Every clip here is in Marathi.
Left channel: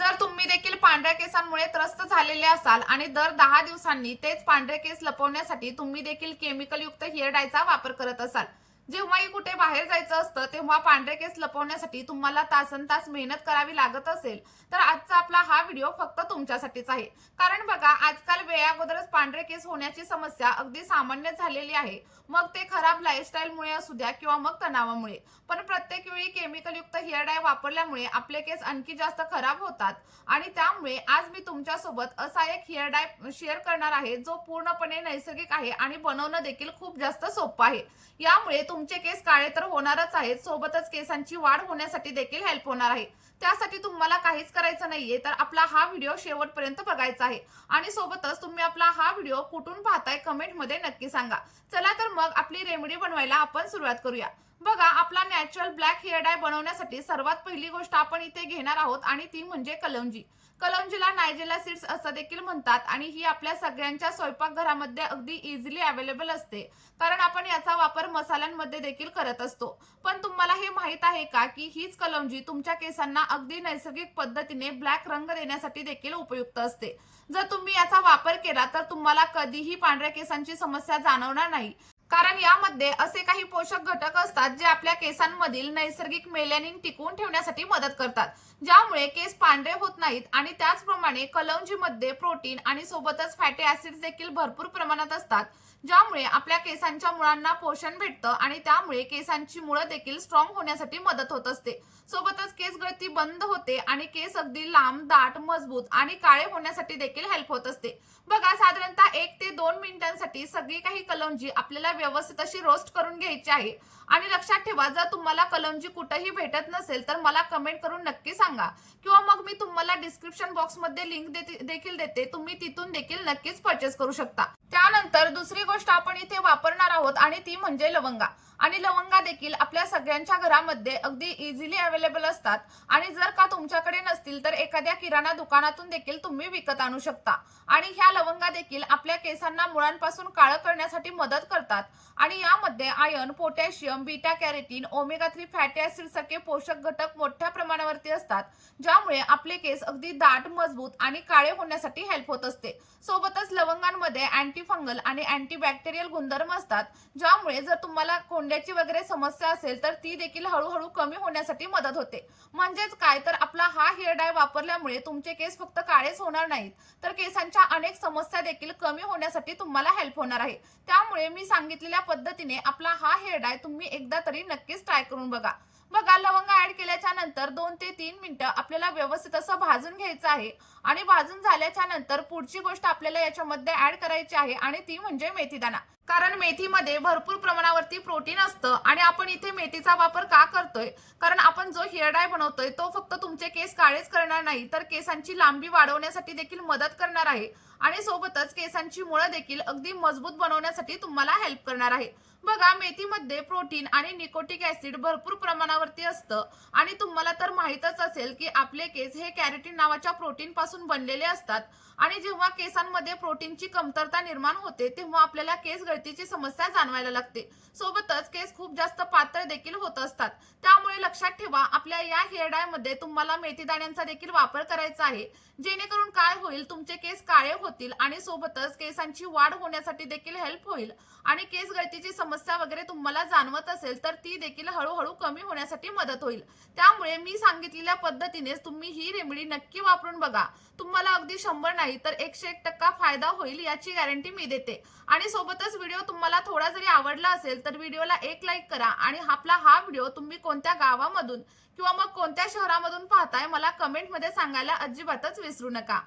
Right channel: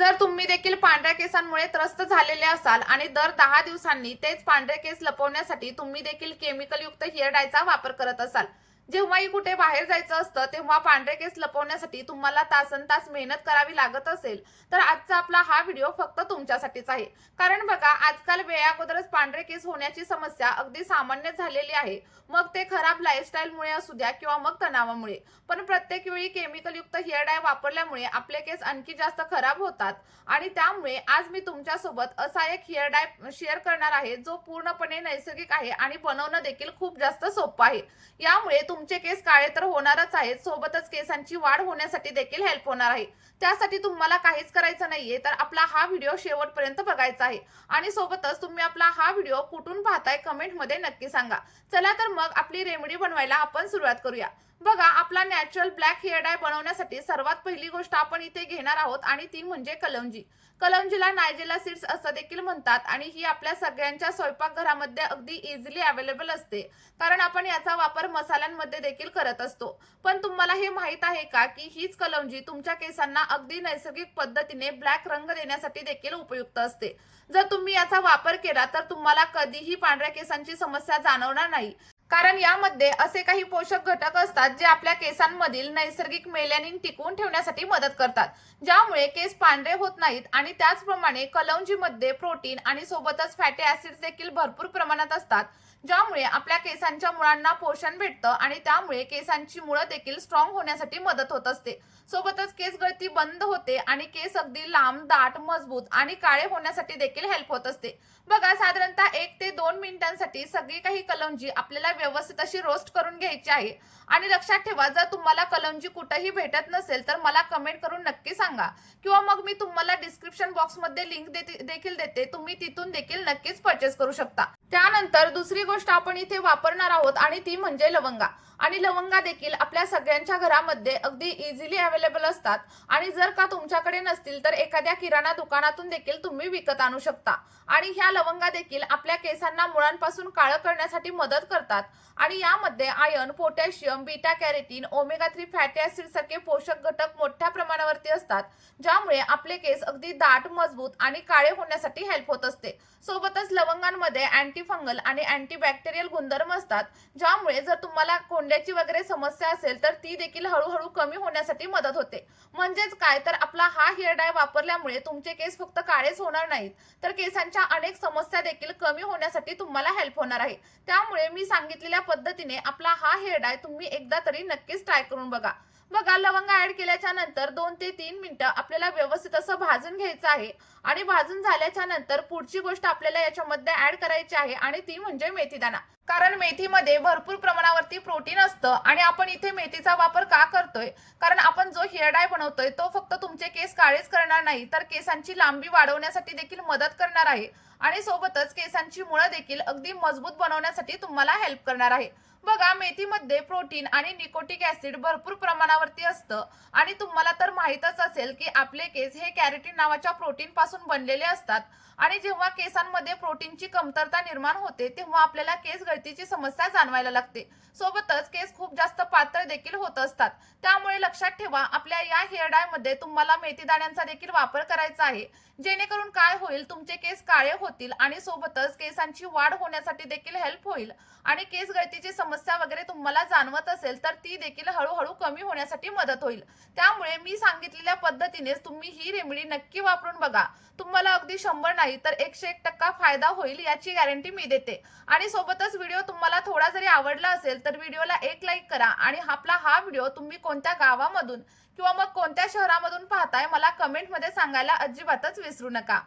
जर तुम्ही देखील पांढऱ्या केसांमुळे त्रस्त झालेले असाल आणि दर 10 दिवसांनी तेच पांढरे केस लपवण्यासाठी तुम्ही देखील केमिकलयुक्त हेअर डायचा वापर करत असाल, जेव्हाही कुठे बाहेर जायचं असतं तेव्हा पांढरे केस लपवण्यासाठी तुम्हाला तासनतास मेहनत करावी लागत असेल, तर आजचा आपला हा व्हिडिओ फक्त तुमच्यासाठीच आहे. कारण बघा, आजकाल वेळेअगोदरच पांढरे केस होण्याची समस्या अगदी सामान्य झालेली आहे. मग ते खराब लाईफस्टाईलमुळे असू द्या किंवा मग तणावामुळे. पण प्रत्येक वेळी केमिकलयुक्त हेअर डाय वापरल्यामुळे आपले केस आणखी जास्त खराब होतात आणि त्यामुळे आज मी तुमच्यासोबत असा एक हेअर डाय शेअर करणार आहे जो पूर्णपणे नैसर्गिक आहे आणि बनवणं देखील खूप जास्त सोपं आहे. यामुळे तुमचे केस काळे तर होणारच आहेत, सोबतच केसांची वाढ होण्यासाठी देखील हेल्प होणार आहे. त्यासाठी तुम्हाला काहीच करायचं नाहीये, तर आपला हा व्हिडिओ शेवटपर्यंत बघायचा आहे. आणि सोबतच तुम्ही आपला हा व्हिडिओ कुठून पाहताय कमेंटमध्ये नक्की सांगा. चला तर मग आपली रेमेडी बनवायला आपण सुरुवात करूया. बघा, आपला नॅचरल ब्लॅक हेअर डाय बनवण्यासाठी सर्वात पहिली गोष्ट आपण इथे घेणार आहोत आणि ती म्हणजे कलौंजी. कलौंजीला नायजेला सीड्स असं देखील म्हणतात आणि ही आपल्या सगळ्यांच्या स्वयंपाकघरामध्ये अगदी इझिली अवेलेबल असते, कारण आपण याचा वापर मसाल्यांमध्ये देखील करत असतो. पण तुम्हाला हे माहित आहे का की हीच कलौंजी तुमच्या केसांना अगदी नैसर्गिक पद्धतीने ब्लॅक रंग देण्यासाठी देखील उपयुक्त असते. जर तुम्ही याचा वापर केला तर तुम्हाला कधीही पांढऱ्या केसांची समस्या जाणवणार नाही, कारण यामध्ये असे काही पोषक घटक असतात जे आपल्या केसांमधील नैसर्गिक मेलॅनिन टिकवून ठेवण्यासाठी मदत करतात, ज्यामुळे केस पांढरे होत नाहीत. आणि त्याचप्रमाणे कलौंजीमध्ये प्रोटीन आणि सोबतच फॅटी ऍसिड्स देखील भरपूर प्रमाणात असतात, ज्यामुळे आपल्या केसांच्या मुळांना पोषण भेटतं आणि त्यामुळे केसांची मुळं देखील स्ट्रॉंग होण्यासाठी मदत होत असते. सोबतच केस गळती बंद होते आणि केस अगदी लांब, दाट, मजबूत आणि काळे होण्यासाठी देखील हेल्प होत असते. बघा, साधारणतः 1 ते 2 मिनिटांसाठी सगळी काही कलौंजी आपल्याला व्यवस्थित अशी रोस्ट करून घ्यायची आहे. आणि लक्षात ठेवा, जर तुम्हाला कलौंजी कुठेही भेटत नसेल तर मला कमेंट करून नक्की सांगा, किंवा मग मी तुम्हाला डिस्क्रिप्शन बॉक्समध्ये लिंक देखील देते, तुम्ही तिथून देखील नक्कीच परचेस करू शकता. त्यानंतर दुसरी गोष्ट आपण इथे वापरणार आहोत आणि ती म्हणजे लवंगा. आणि लवंगा देखील आपल्या सगळ्यांच्या घरामध्ये अगदी इझिली अवेलेबल असतात आणि जर का तुमच्याकडे नसतील तर एखाद्या किराणा दुकानातून देखील तुम्ही विकत आणू शकता. आणि ह्या लवंगा देखील आपल्या केसांना मुळांपासून काळं करण्यासाठी मदत करतात आणि यामध्ये iron, potassium, beta carotene, omega 3 fatty acid सारखे पोषक घटक मोठ्या प्रमाणावरती असतात, ज्यामुळे आपले केस अगदी दाट, मजबूत आणि काळे होण्यासाठी हेल्प होत असते. सोबतच लवंगांमध्ये अँटी फंगल आणि अँटीबॅक्टेरियल गुणधर्म असतात, ज्यामुळे जर तुम्हाला कोंड्याची वगैरे समस्या असेल तर ती देखील हळूहळू कमी होण्यासाठी मदत होते. म्हणजेच काय, तर आपला हा हेअर डाय वापरल्यामुळे तुमचे केस फक्त काळेच होणार नाहीत, तर केसांच्या अनेक समस्या देखील कमी होण्यासाठी तुम्हाला हेल्प होणार आहे. त्यामुळे मी सांगितलेल्या पद्धतीने आपला हा हेअर डाय तुम्ही एकदा तरी नक्कीच ट्राय करून बघा. बघा, लवंगा ऍड केल्याच्या नंतर 2 ते 3 मिनिटं आपल्याला व्यवस्थित असं भाजून घ्यायचं आहे. आणि भाजून झाल्याच्या नंतर पुढची गोष्ट आपल्याला याच्यामध्ये ऍड करायची आहे आणि ती म्हणजे मेथीदाणा. कारण मेथीमध्ये भरपूर प्रमाणावरती प्रोटीन असतं आणि आपण इथे मेथीचा वापर का करतोय, कारण आपण जो हेअर डाय बनवतोय तो फक्त तुमचे केस काळेच करणार नाही, तर केसांची लांबी वाढवण्यासाठी देखील मदत करणार आहे आणि सोबतच केसांची मुळं देखील अगदी मजबूत बनवण्यासाठी तुम्हाला हेल्प करणार आहे. बघा, मेथीमध्ये प्रोटीन आणि निकोटिक ऍसिड भरपूर प्रमाणावरती असतं आणि तुम्हाला तर माहीतच असेल की आपले केस हे कॅरोटीन नावाच्या प्रोटीन पासून बनलेले असतात आणि जेव्हा केसांमध्ये प्रोटीनची कमतरता निर्माण होते तेव्हा आपल्याला केस गळतीची समस्या जाणवायला लागते. सोबतच केस खूप जास्त पातळ देखील होत असतात. त्यामुळे लक्षात ठेवा, आपल्या या हेअर डाय मध्ये तुम्हाला मेथी दाण्यांचा देखील वापर करायचा आहे, जेणेकरून काय होईल, तुमचे केस काळे होतील आणि सोबतच केसांची वाढ होण्यासाठी देखील हेल्प होईल आणि केस गळतीची समस्या वगैरे तुम्हाला जाणवत असेल तर ती देखील हळूहळू कमी होण्यासाठी मदत होईल. त्यामुळे मी सांगितलेल्या पद्धतीनेच तुम्ही ही रेमेडी नक्की वापरून बघा. तुम्हाला अगदी 100 नाही तर 101% फायदा होईल याची गॅरंटी मी देते. आणि सोबतच व्हिडिओ तुम्हाला थोडा जरी आवडला असेल तर व्हिडिओला एक लाईक करा आणि आपला हा व्हिडिओ तुम्ही कोणत्या गावामधून किंवा मग कोणत्या शहरामधून पाहताय मला कमेंटमध्ये सांगायला अजिबातच विसरू नका.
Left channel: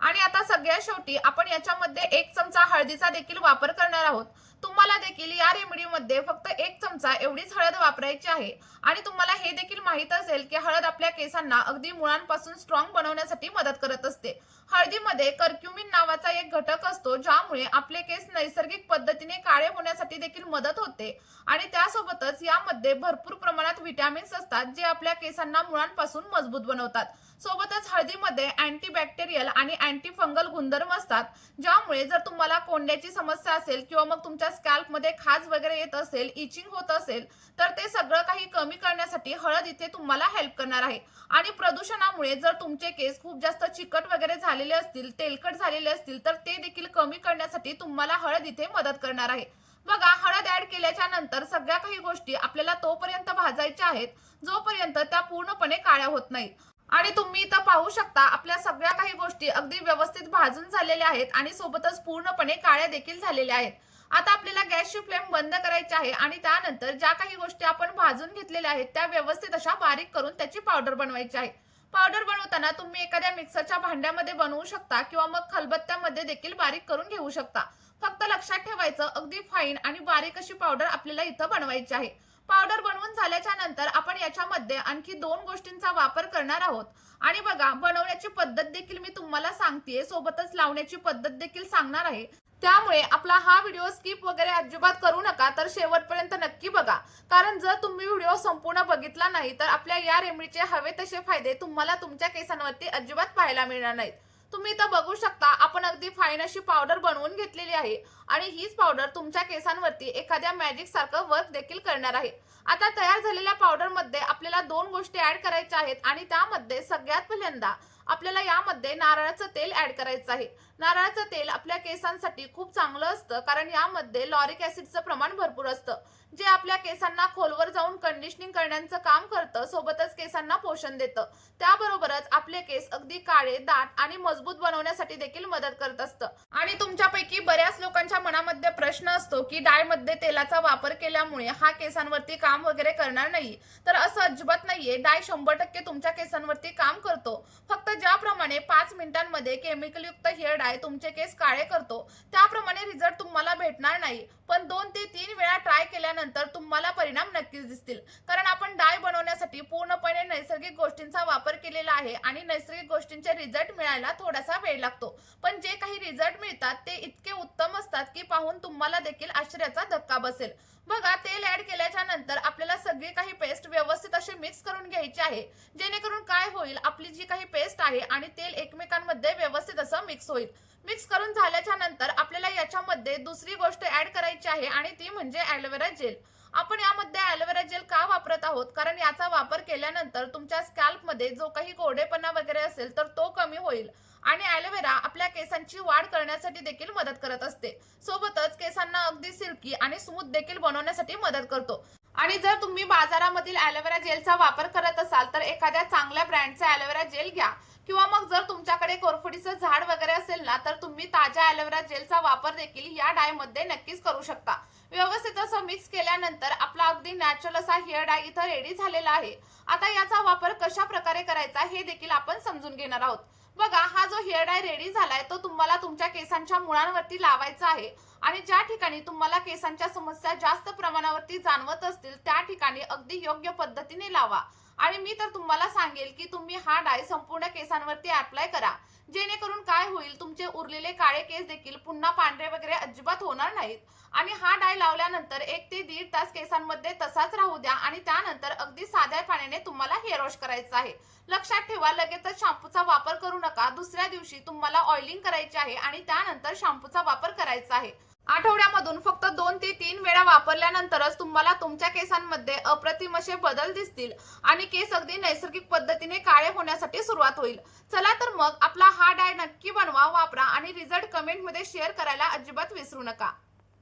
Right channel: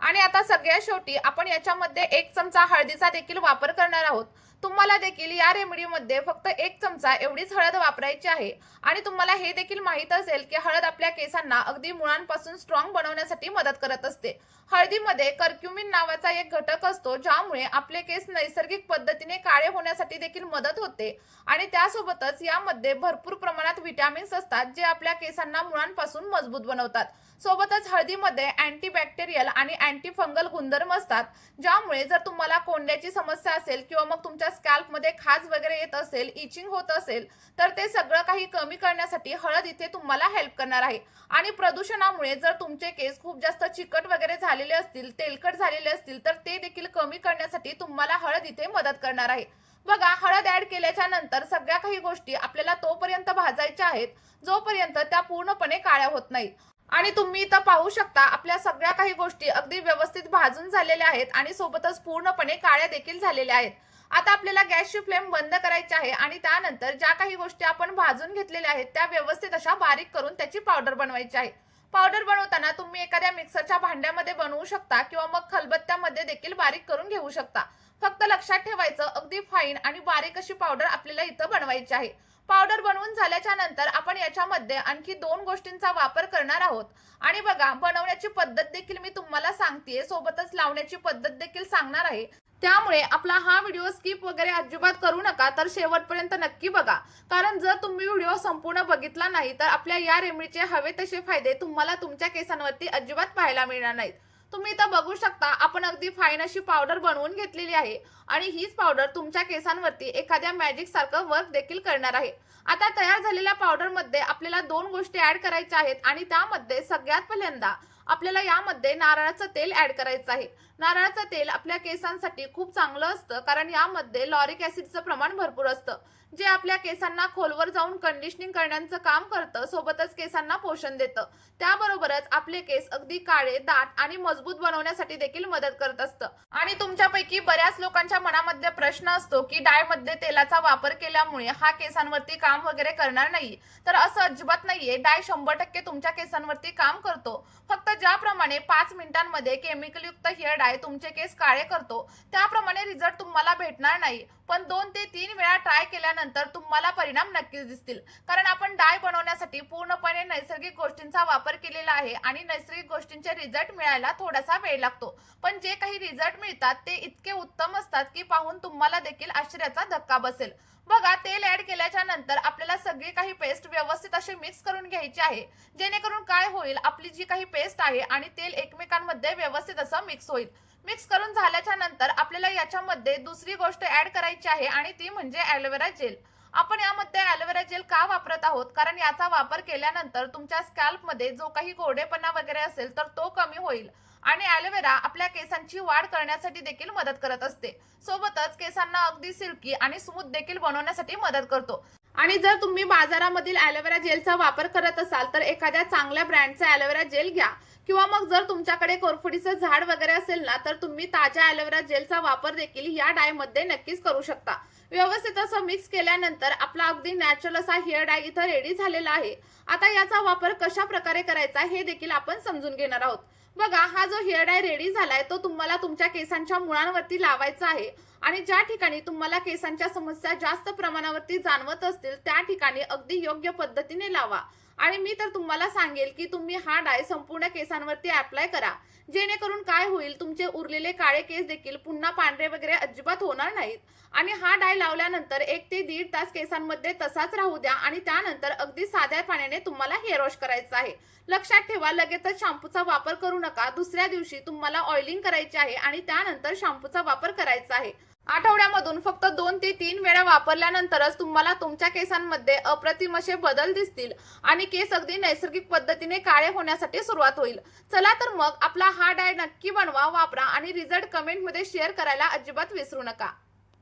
आणि आता सगळ्यात शेवटी आपण याच्यामध्ये 1 चमचा हळदीचा देखील वापर करणार आहोत. तुम्हाला देखील या रेमेडीमध्ये फक्त 1 चमचा एवढीच हळद वापरायची आहे. आणि तुम्हाला हे देखील माहित असेल की हळद आपल्या केसांना अगदी मुळांपासून स्ट्रॉंग बनवण्यासाठी मदत करत असते. हळदीमध्ये कर्क्युमिन नावाचा एक घटक असतो, ज्यामुळे आपले केस नैसर्गिक पद्धतीने काळे होण्यासाठी देखील मदत होते आणि त्यासोबतच यामध्ये भरपूर प्रमाणात व्हिटॅमिन्स असतात जे आपल्या केसांना मुळांपासून मजबूत बनवतात. सोबतच हळदीमध्ये अँटीबॅक्टेरियल आणि अँटी फंगल गुणधर्म असतात, ज्यामुळे जर तुम्हाला कोंड्याची समस्या असेल किंवा मग तुमच्या स्कॅल्पमध्ये खाज वगैरे येत असेल, इचिंग होत असेल, तर ते सगळं काही कमी करण्यासाठी हळद इथे तुम्हाला हेल्प करणार आहे. आणि प्रदूषणामुळे जर तुमचे केस खूप जास्त चिकट वगैरे झालेले असतील, तेलकट झालेले असतील, तर ते देखील कमी करण्यासाठी तुम्हाला हळद इथे मदत करणार आहे. बघा, हळद ऍड केल्याच्या नंतर सगळ्या काही गोष्टी आपल्याला तोपर्यंत भाजायच्या आहेत जोपर्यंत त्या पूर्णपणे काळ्या होत नाही. आणि तुम्ही इथं पाहू शकता, आपल्या सगळ्या काही गोष्टी अगदी व्यवस्थित भाजून झालेल्या आहेत आणि सोबतच पूर्णपणे काळ्या देखील झालेल्या आहेत. आता आपल्याला गॅसची फ्लेम बंद करायची आहे आणि त्यानंतर ज्या काही गोष्टी आपण भाजून घेतलेल्या आहेत त्या व्यवस्थित अशा बारीक करून त्याची पावडर बनवायची आहे. पावडर बनवताना तुम्ही एखाद्या मिक्सरच्या भांड्यामध्ये बनवू शकता किंवा मग खलबत्त्यामध्ये देखील बारीक करून घेऊ शकता. फक्त लक्षात ठेवायचं, अगदी फाईन आणि बारीक अशी पावडर आपल्याला इथं बनवायची आहे. पावडर बनवून झाल्याच्या नंतर आपण याच्यामध्ये आणखी 2 गोष्टींचा वापर करणार आहोत. आणि बघा, बनवण्याची पद्धत देखील मी तुम्हाला सांगतेय, सोबतच लावण्याची पद्धत देखील सांगणार आहे. त्यामुळे आपला हा व्हिडिओ स्किप वगैरे अजिबात करू नका, तर शेवटपर्यंत नक्की बघा. कारण जर तुम्ही व्हिडिओ संपूर्ण बघितला नाही तर आपल्या या रेमेडीचे हवे तसे फायदे तुम्हाला तुमच्या केसांवरती अजिबात पाहायला मिळणार नाहीत. तुम्ही इथं बघू शकता, आपण अगदी फाईन अशी पावडर बनवून घेतलेली आहे आणि हीच पावडर तुमच्या केसांवरती एखाद्या मॅजिक सारखं वर्क देखील करणार आहे. आता तयार झालेल्या पावडर मध्ये आपल्याला 2 गोष्टी ऍड करायच्या आहेत आणि त्यामध्ये सगळ्यात पहिल्यांदा आपल्याला यामध्ये नारळाचं तेल ऍड करायचं आहे. नारळाचं तेल आपल्या केसांसाठी खूप चांगलं असतं, कारण यामध्ये लॉरिक ऍसिडचं प्रमाण भरपूर असतं, जे आपल्या केसांना खोलवर जाऊन कंडिशनिंग करण्याचं काम करतं, सोबतच केसांना पोषण देतं. त्याबरोबरच आपले केस अगदी काळे, दाट आणि मजबूत बनवण्यासाठी देखील मदत करत असतं. आणि तुमच्यापैकी बऱ्याच लोकांच्या मनामध्ये प्रश्न असतो की डाय मध्ये तेलाचा वापर केल्यामुळे हा केसांवरती काम वगैरे करणार नाही. तर असं अजिबात नाहीये. डाय 100% तुमच्या केसांवरती काम करतो. फक्त ज्याप्रमाणे 5 मिनिटांमध्ये केमिकल युक्त हेअर डाय तुमचे केस काळे करतो, त्याप्रमाणे रिझल्ट तुम्हाला भेटणार नाही. पण 2 ते 3 वेळा ट्राय केल्यानंतर तुम्हाला परिणाम नक्कीच दिसतील. कारण आपण डाय बनवण्यासाठी पूर्णपणे नैसर्गिक गोष्टींचा वापर केलेला आहे आणि नैसर्गिक गोष्टींचे रिझल्ट मिळायला थोडासा वेळ लागतो. पण जे काही रिझल्ट मिळतात ते इतके उत्तम असतात की पाहून तुम्हाला देखील आश्चर्याचा धक्का बसेल. बघा, तेल ऍड केल्याच्या नंतर आपल्याला सगळी काही पेस्ट व्यवस्थित असे मिक्स करून घ्यायची आहे, जेणेकरून काय होईल, आपली जी काही पेस्ट आहे आणि तेल एकमेकांमध्ये व्यवस्थित असं मिक्स होईल. मिक्स करून झाल्याच्या नंतर आपल्याला याच्यामध्ये दुसरी गोष्ट ऍड करायची आहे आणि ती म्हणजे ॲलोवेरा जेल. आपण यामध्ये ॲलोवेरा जेल का वापरत आहोत, कारण याचा वापर केल्यानंतर तुमच्या स्कॅल्पमध्ये जो काही कोरडेपणा वगैरे असेल तर तो कमी होईल. आणि ॲलोवेरा आपल्या केसांची वाढ करण्यासाठी देखील मदत करत असते. सोबतच केसांना अगदी सिल्की आणि स्मूथ देखील बनवण्यासाठी मदत करतो. आणि जर तुम्ही बाजारामधील ॲलोवेरा जेलचा वापर करत असाल तर एखाद्या चांगल्या ब्रँडचा ॲलोवेरा जेल घ्या, किंवा मग जर तुमच्याकडे कोरफडीचं झाड वगैरे असेल ना, तर तुम्ही ताज्या ॲलोवेरा जेलचा वापर देखील या डाय मध्ये नक्कीच करू शकता. व्यवस्थित असं मिक्स केल्यानंतर आपला अगदी नॅचरल असा हेअर डाय इथं रेडी झालेला आहे. आता याचा वापर कशा प्रकारे करायचा हे देखील आपण समजून घेणार आहोत. बघा, हा जो हेअर डाय रेडी झालाय तो तुम्हाला तुमच्या केसांच्या मुळांवरती लावायचा आहे. आणि ज्या ठिकाणी तुम्हाला केसांच्या समस्या जास्त प्रमाणावरती जाणवत असतील त्या ठिकाणी अगदी योग्य पद्धतीने लावा. आणि मी तर तुम्हाला सांगेल की तुम्ही हा डाय संपूर्ण केसांवरती अप्लाय करा, जेणेकरून काय होईल, तुमचे उरलेले काळे केस देखील पुन्हा पांढरे वगैरे अजिबात होणार नाहीत. आणि हा डाय लावल्यानंतर 1 ते 1.5 तास केसांमध्ये तसाच राहू द्या आणि त्यानंतर अगदी साध्या पाण्याने तुम्हाला हेअर वॉश करायचं आहे. लक्षात ठेवा, लगेचच शॅम्पूचा वापर करू नका. दुसऱ्या दिवशी तुम्हाला ऑइलिंग करायचे आहे आणि त्यानंतर शॅम्पूचा वापर करायचा आहे. आठवड्यामधून फक्त 2 ते 3 वेळा वापरल्यानंतरच तुम्हाला तुमच्या केसांमध्ये अप्रतिम असे बदल दिसतील आणि केस अगदी नैसर्गिक पद्धतीने काळे होण्यासाठी सुरुवात होईल. चला तर मग आपला हा डाय नक्की बनवा, वापरा आणि रिझल्ट कमेंटमध्ये शेअर करायला अजिबात विसरू नका.